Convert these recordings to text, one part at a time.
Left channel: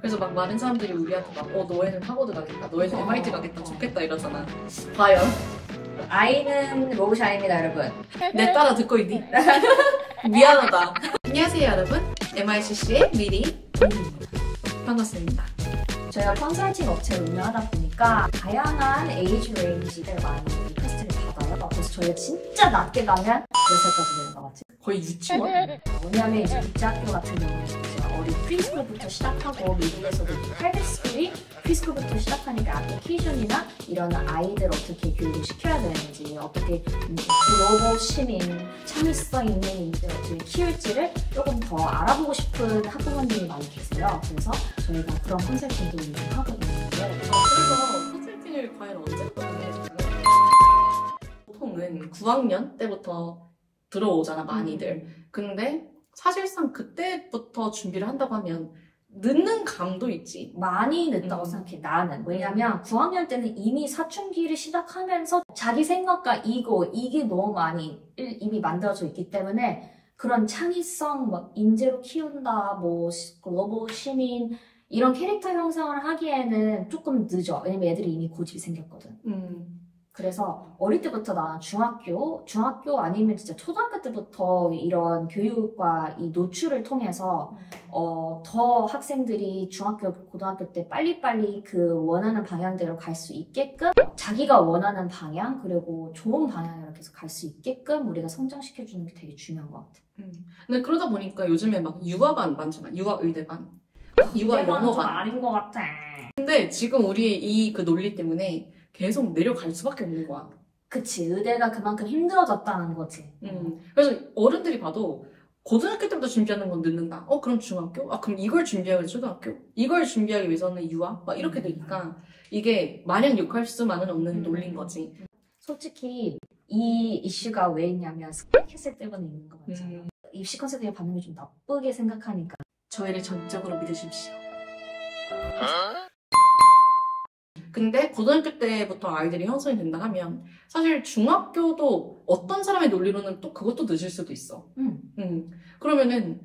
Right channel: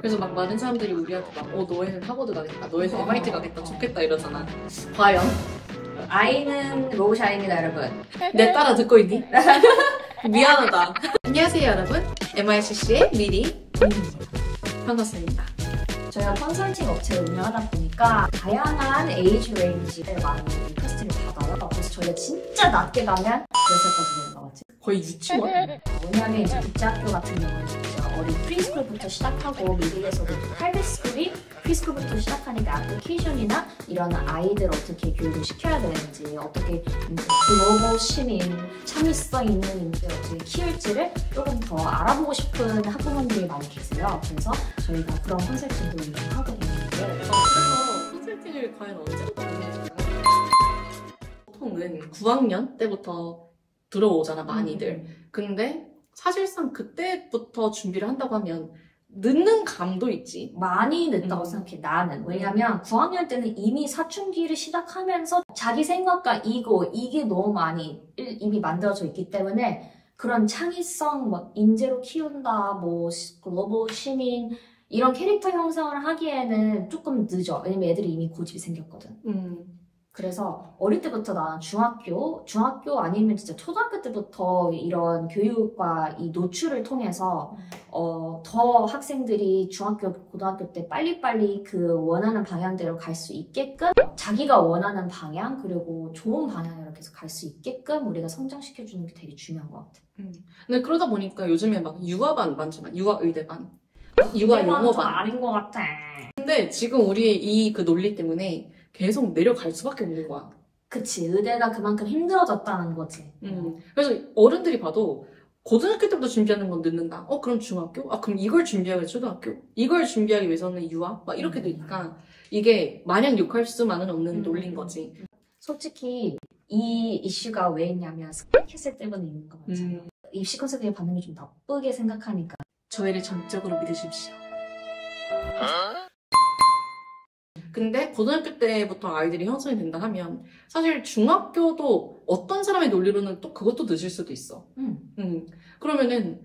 그래서 막 많은 사람들이 우리한테 막 너애는 하버드 가겠다, 너애는 MIT 가겠다, 좋겠다 이러잖아. 과연? 아이는 로샤입니다, 여러분. 내 따라 듣고 있니? 미안하다. 안녕하세요 여러분, MICC의 미리 반갑습니다. 저희가 컨설팅 업체를 운영하다 보니까 다양한 에이지 레인지를 많이 리퀘스트를 받아요. 그래서 저희가 진짜 낮게 가면 10살까지 되는 거 맞지? 거의 유치원? 뭐냐면 이제 국제학교 같은 경우는 어린 프리스쿨부터 시작하고 미국에서도 프라이빗 스쿨이 프리스쿨부터 시작하니까 애플리케이션이나 이런 아이들 어떻게 교육을 시켜야 되는지, 어떻게 글로벌 시민, 창의성 있는 인재를 어떻게 키울지를 조금 더 알아보고 싶은 학부모님이 많이 계세요. 그래서 저희가 그런 컨설팅도 운영하고 있는데, 그래서 컨설팅을 과연 언제부터 보내줄까? 보통은 9학년 때부터 들어오잖아, 많이들. 근데 사실상 그때부터 준비를 한다고 하면 늦는 감도 있지. 많이 늦다고 생각해, 나는. 왜냐면 9학년 때는 이미 사춘기를 시작하면서 자기 생각과 이게 너무 많이 이미 만들어져 있기 때문에 그런 창의성, 뭐 인재로 키운다, 뭐 글로벌 시민 이런 캐릭터 형성을 하기에는 조금 늦어. 왜냐면 애들이 이미 고집이 생겼거든. 그래서 어릴 때부터 나는 중학교 아니면 진짜 초등학교 때부터 이런 교육과 이 노출을 통해서 더 학생들이 중학교, 고등학교 때 빨리빨리 그 원하는 방향대로 갈 수 있게끔, 자기가 원하는 방향 그리고 좋은 방향으로 계속 갈 수 있게끔 우리가 성장시켜주는 게 되게 중요한 것 같아. 근데 그러다 보니까 요즘에 막 유아반 많잖아. 유아의대반, 유아 영어반. 아닌 것 같아. 근데 지금 우리의 이 그 논리 때문에 계속 내려갈 수밖에 없는 거야. 그치, 의대가 그만큼 힘들어졌다는 거지. 그래서 어른들이 봐도 고등학교 때부터 준비하는 건 늦는다. 그럼 중학교? 그럼 이걸 준비하기 위해서 초등학교? 이걸 준비하기 위해서는 유아? 막 이렇게 되니까 이게 마냥 욕할 수만은 없는 논리인 거지. 솔직히 이 이슈가 왜 있냐면 스펙했을 때문에 있는 거 맞잖아. 입시 컨설팅을 받는 게 좀 나쁘게 생각하니까. 저희를 전적으로 믿으십시오. 근데 고등학교 때부터 아이들이 형성이 된다 하면 사실 중학교도 어떤 사람의 논리로는 또 그것도 늦을 수도 있어. 그러면은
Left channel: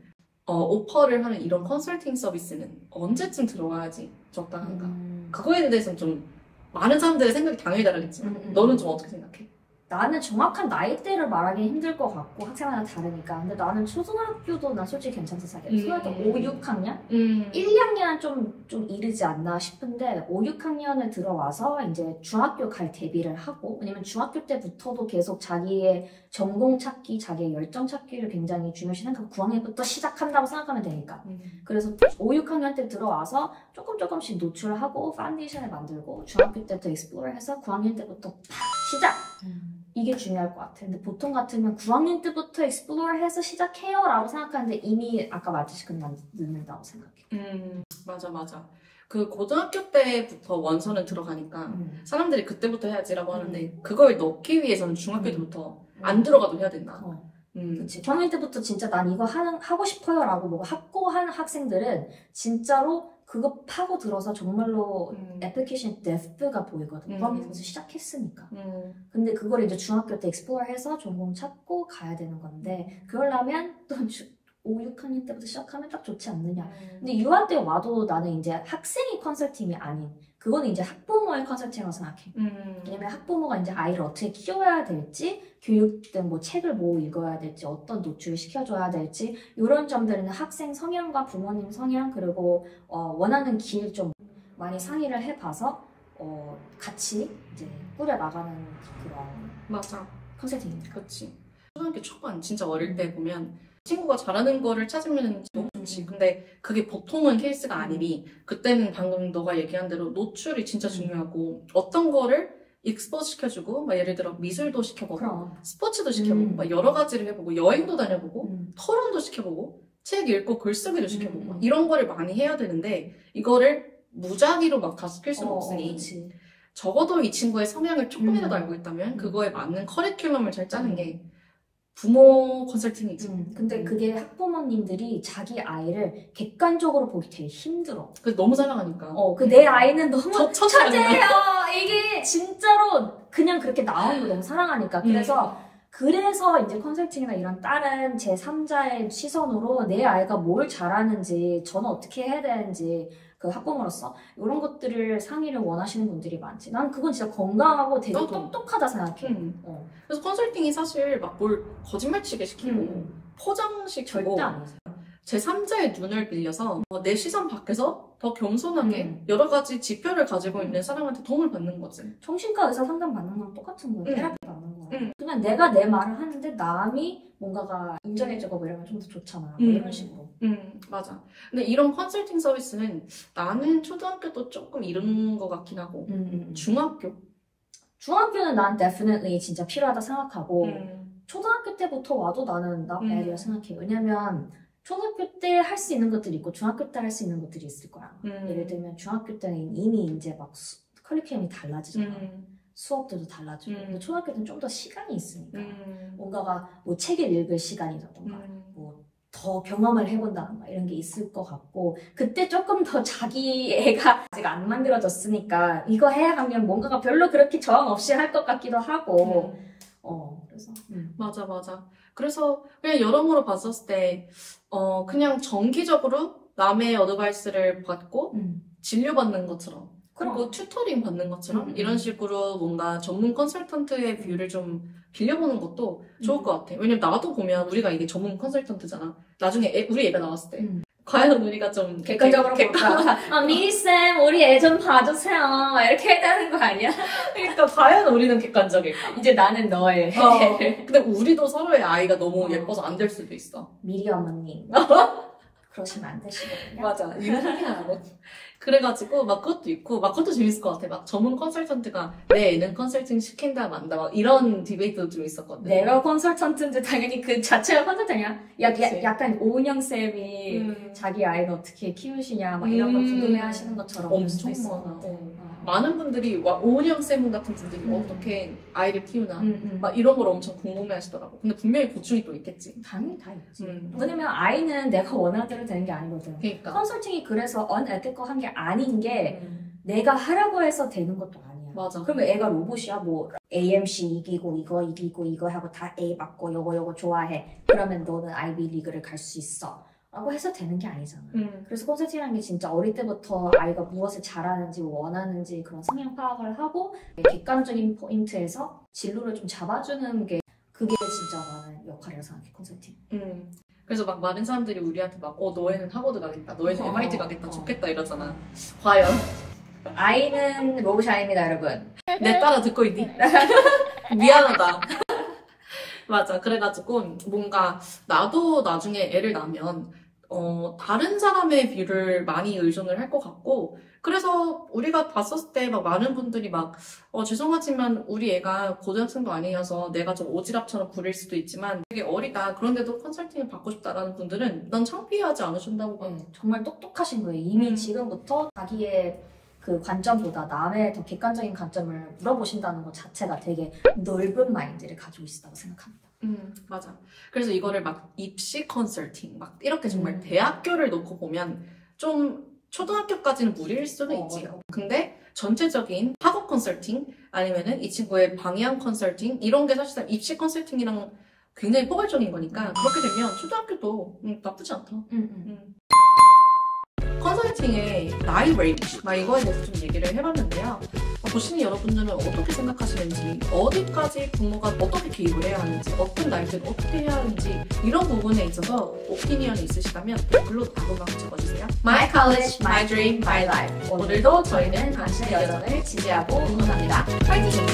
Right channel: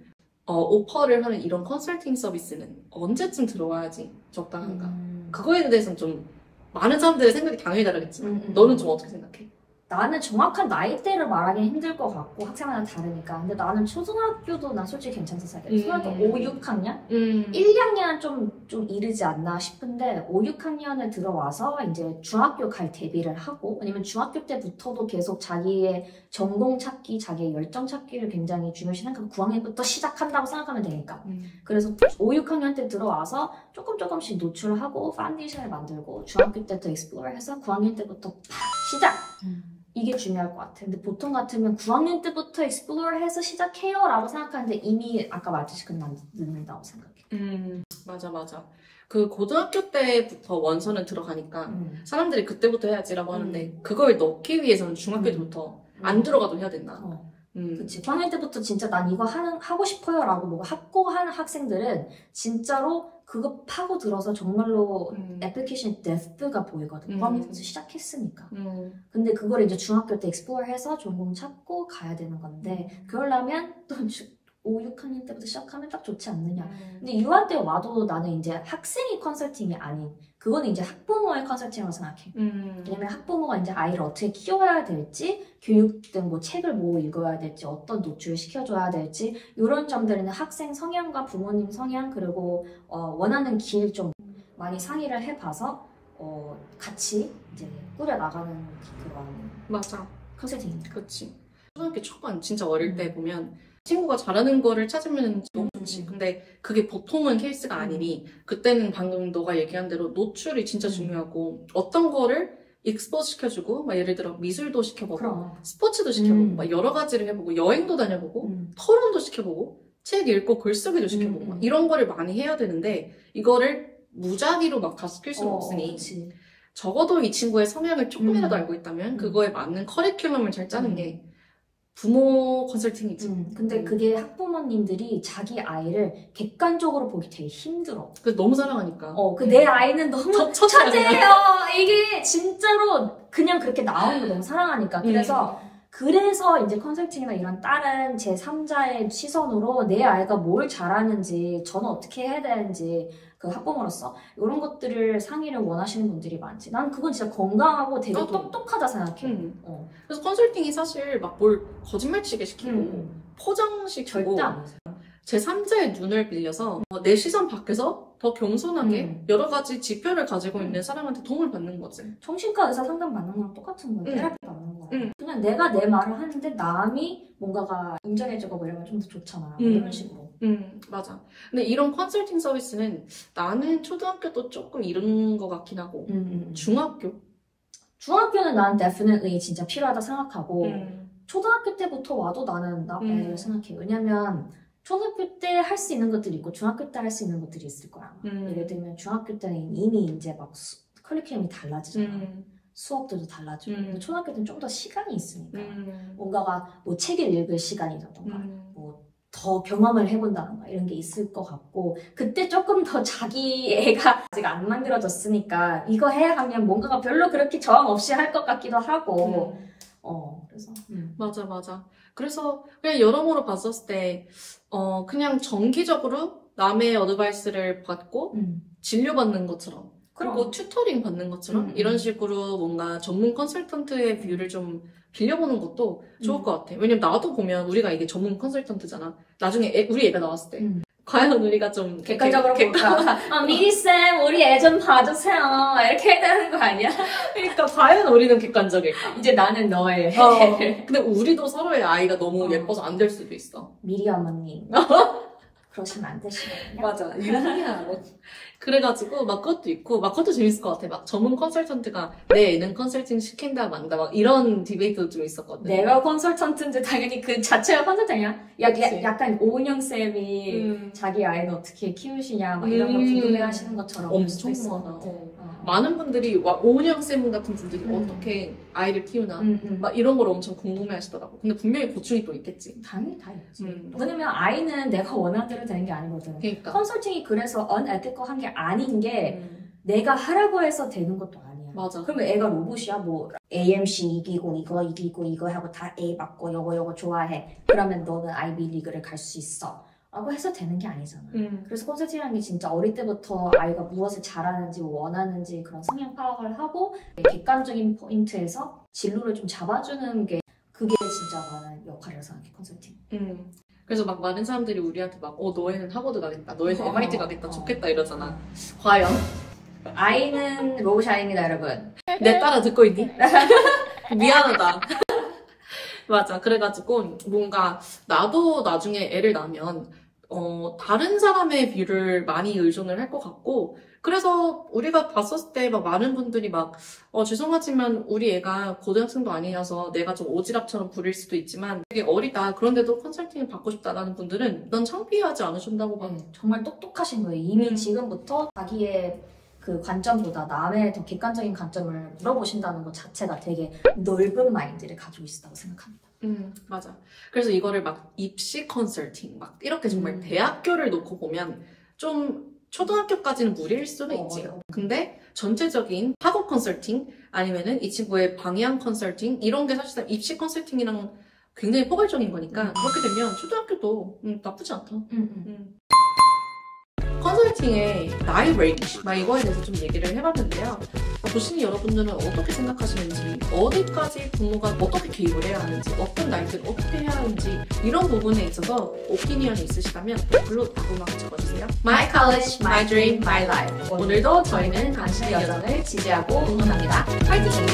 오퍼를 하는 이런 컨설팅 서비스는 언제쯤 들어와야지 적당한가? 그거에 대해서는 좀 많은 사람들의 생각이 당연히 다르겠지만 너는 좀 어떻게 생각해? 나는 정확한 나이대를 말하기 힘들 것 같고 학생마다 다르니까. 근데 나는 초등학교도 난 솔직히 괜찮다 생각해. 초등학교 5, 6학년? 1, 2학년은 좀 이르지 않나 싶은데 5, 6학년에 들어와서 이제 중학교 갈 대비를 하고, 왜냐면 중학교 때부터도 계속 자기의 전공 찾기, 자기의 열정 찾기를 굉장히 중요시 생각하고 9학년부터 시작한다고 생각하면 되니까. 그래서 5, 6학년 때 들어와서 조금씩 노출하고 파운데이션을 만들고 중학교 때부터 익스플로어해서 9학년 때부터 팍 시작! 이게 중요할 것 같아. 근데 보통 같으면 9학년 때부터 익스플로어 해서 시작해요 라고 생각하는데 이미 아까 말했듯이 난 늦는다고 생각해. 맞아. 그 고등학교 때부터 원서는 들어가니까 사람들이 그때부터 해야지라고 하는데 그걸 넣기 위해서는 중학교 때부터 안 들어가도 해야 된다. 그치. 9학년 때부터 진짜 난 이거 하고 싶어요 라고 뭐가 확고한 학생들은 진짜로 그거 파고 들어서 정말로 애플리케이션 데프트가 보이거든. 9학년에서 시작했으니까. 근데 그걸 이제 중학교 때 익스플로어 해서 전공 찾고 가야 되는 건데 그러려면 또 5, 6학년 때부터 시작하면 딱 좋지 않느냐. 근데 유아 때 와도 나는 이제 학생이 컨설팅이 아닌, 그거는 이제 학부모의 컨설팅이라고 생각해. 왜냐면 학부모가 이제 아이를 어떻게 키워야 될지, 교육된 뭐 책을 뭐 읽어야 될지, 어떤 노출을 시켜줘야 될지, 이런 점들은 학생 성향과 부모님 성향, 그리고 원하는 길 좀 많이 상의를 해봐서 같이 이제 꾸려나가는 그런 맞아. 컨설팅입니다. 그렇지. 초등학교 초반 진짜 어릴 때 보면 친구가 잘하는 거를 찾으면 너무 좋지. 근데 그게 보통은 케이스가 아니니 그때는 방금 너가 얘기한 대로 노출이 진짜 중요하고 어떤 거를 익스포즈 시켜주고 막 예를 들어 미술도 시켜보고 그럼. 스포츠도 시켜보고 막 여러 가지를 해보고 여행도 다녀보고 토론도 시켜보고 책 읽고 글쓰기도 시켜보고 막 이런 거를 많이 해야 되는데 이거를 무작위로 막 다 시킬 수는 없으니 그치. 적어도 이 친구의 성향을 조금이라도 알고 있다면 그거에 맞는 커리큘럼을 잘 짜는 게 부모 컨설팅이지. 근데 그게 학부모님들이 자기 아이를 객관적으로 보기 되게 힘들어. 그 너무 사랑하니까. 내 아이는 너무 천재예요. 이게 진짜로 그냥 그렇게 나오는 거 너무 사랑하니까. 그래서 그래서 이제 컨설팅이나 이런 다른 제3자의 시선으로 내 아이가 뭘 잘하는지, 저는 어떻게 해야 되는지, 그 학부모로서 이런 것들을 상의를 원하시는 분들이 많지. 난 그건 진짜 건강하고 되게 똑똑하다 생각해. 그래서 컨설팅이 사실 막 뭘 거짓말치게 시키고 포장시키고 절대 안 하세요. 제3자의 눈을 빌려서 내 시선 밖에서 더 겸손하게 여러 가지 지표를 가지고 있는 사람한테 도움을 받는 거지. 정신과 의사 상담 받는 거랑 똑같은 거야. 테라피 받는 거야. 그냥 내가 내 말을 하는데 남이 뭔가가 인정해주고 뭐 이러면 좀 더 좋잖아. 이런 식으로. 맞아. 근데 이런 컨설팅 서비스는 나는 초등학교 도 조금 이른 것 같긴 하고 중학교? 중학교는 난 definitely 진짜 필요하다 생각하고 초등학교 때부터 와도 나는 not bad이라고 생각해. 왜냐면 초등학교 때 할 수 있는 것들이 있고 중학교 때 할 수 있는 것들이 있을 거야. 예를 들면 중학교 때는 이미 이제 막 커리큘럼이 달라지잖아. 수업들도 달라지고. 근데 초등학교 때는 좀 더 시간이 있으니까 뭔가가 뭐 책을 읽을 시간이라던가 뭐 더 경험을 해본다던가 이런 게 있을 것 같고 그때 조금 더 자기 애가 아직 안 만들어졌으니까 이거 해야 하면 뭔가가 별로 그렇게 저항 없이 할 것 같기도 하고 그래서 맞아. 그래서 그냥 여러모로 봤었을 때 그냥 정기적으로 남의 어드바이스를 받고 진료받는 것처럼 그리고 튜터링 받는 것처럼 이런 식으로 뭔가 전문 컨설턴트의 뷰를 좀 빌려보는 것도 좋을 것 같아. 왜냐면 나도 보면 우리가 이게 전문 컨설턴트잖아. 나중에 우리 애가 나왔을 때 과연 우리가 좀 객관적으로 볼까? 미리쌤 우리 애 좀 봐주세요. 이렇게 해야 되는 거 아니야? 그러니까 과연 우리는 객관적일까? 이제 나는 너의 근데 우리도 서로의 아이가 너무 예뻐서 안 될 수도 있어. 미리 어머님 그러시면 안 되시거든요. 맞아. 유흥이라고. 그래가지고 막 그것도 있고 막 그것도 재밌을 것 같아. 막 전문 컨설턴트가 내 애는 컨설팅 시킨다 만다 막 이런 디베이트도 좀 있었거든. 내가 컨설턴트인데 당연히 그 자체가 컨설팅이야. 약간 오은영 쌤이 자기 아이를 어떻게 키우시냐 막 이런 거 궁금해하시는 것처럼 엄청 많아. 많은 분들이 오은영 쌤 같은 분들이 어떻게 아이를 키우나 막 이런 걸 엄청 궁금해하시더라고. 근데 분명히 고충이 또 있겠지. 당연히 다 있지. 왜냐면 아이는 내가 원하는 대로 되는 게 아니거든. 그러니까. 컨설팅이 그래서 unethical 게 아닌 게 내가 하라고 해서 되는 것도 아니야. 맞아. 그러면 애가 로봇이야? 뭐 AMC 이기고 이거 하고 다 A 받고 요거 좋아해. 그러면 너는 아이비리그를 갈 수 있어. 라고 해서 되는 게 아니잖아. 그래서 컨설팅이라는 게 진짜 어릴 때부터 아이가 무엇을 잘하는지 원하는지 그런 성향 파악을 하고 객관적인 포인트에서 진로를 좀 잡아주는 게 그게 진짜 나는 역할이라고 생각해. 컨설팅. 그래서 막 많은 사람들이 우리한테 막 너애는 하버드 가겠다, 너애는 MIT 가겠다, 좋겠다 이러잖아. 과연? 아이는 로봇이 아닙니다, 여러분. 내 따라 듣고 있니? 미안하다. 맞아. 그래가지고 뭔가 나도 나중에 애를 낳으면 다른 사람의 뷰를 많이 의존을 할 것 같고 그래서 우리가 봤었을 때 막 많은 분들이 막 죄송하지만 우리 애가 고등학생도 아니어서 내가 좀 오지랖처럼 부릴 수도 있지만 되게 어리다. 그런데도 컨설팅을 받고 싶다라는 분들은 난 창피하지 않으신다고 봐. 정말 똑똑하신 거예요. 이미 지금부터 자기의 그 관점보다 남의 더 객관적인 관점을 물어보신다는 것 자체가 되게 넓은 마인드를 가지고 있다고 생각합니다. 맞아. 그래서 이거를 막 입시 컨설팅 막 이렇게 정말 대학교를 놓고 보면 좀 초등학교까지는 무리일 수는 있지. 근데 전체적인 학업 컨설팅 아니면은 이 친구의 방향 컨설팅 이런 게 사실상 입시 컨설팅이랑 굉장히 포괄적인 거니까 그렇게 되면 초등학교도 나쁘지 않다. 컨설팅의 나이 레인지 막 이거에 대해서 좀 얘기를 해봤는데요. 보시는 여러분들은 어떻게 생각하시는지 어디까지 부모가 어떻게 개입을 해야 하는지 어떤 나이대를 어떻게 해야 하는지 이런 부분에 있어서 오피니언이 있으시다면 댓글로 마구마구 적어주세요. My college, my dream, my life. 오늘도 저희는 당신의 여정을 지지하고 응원합니다. 파이팅!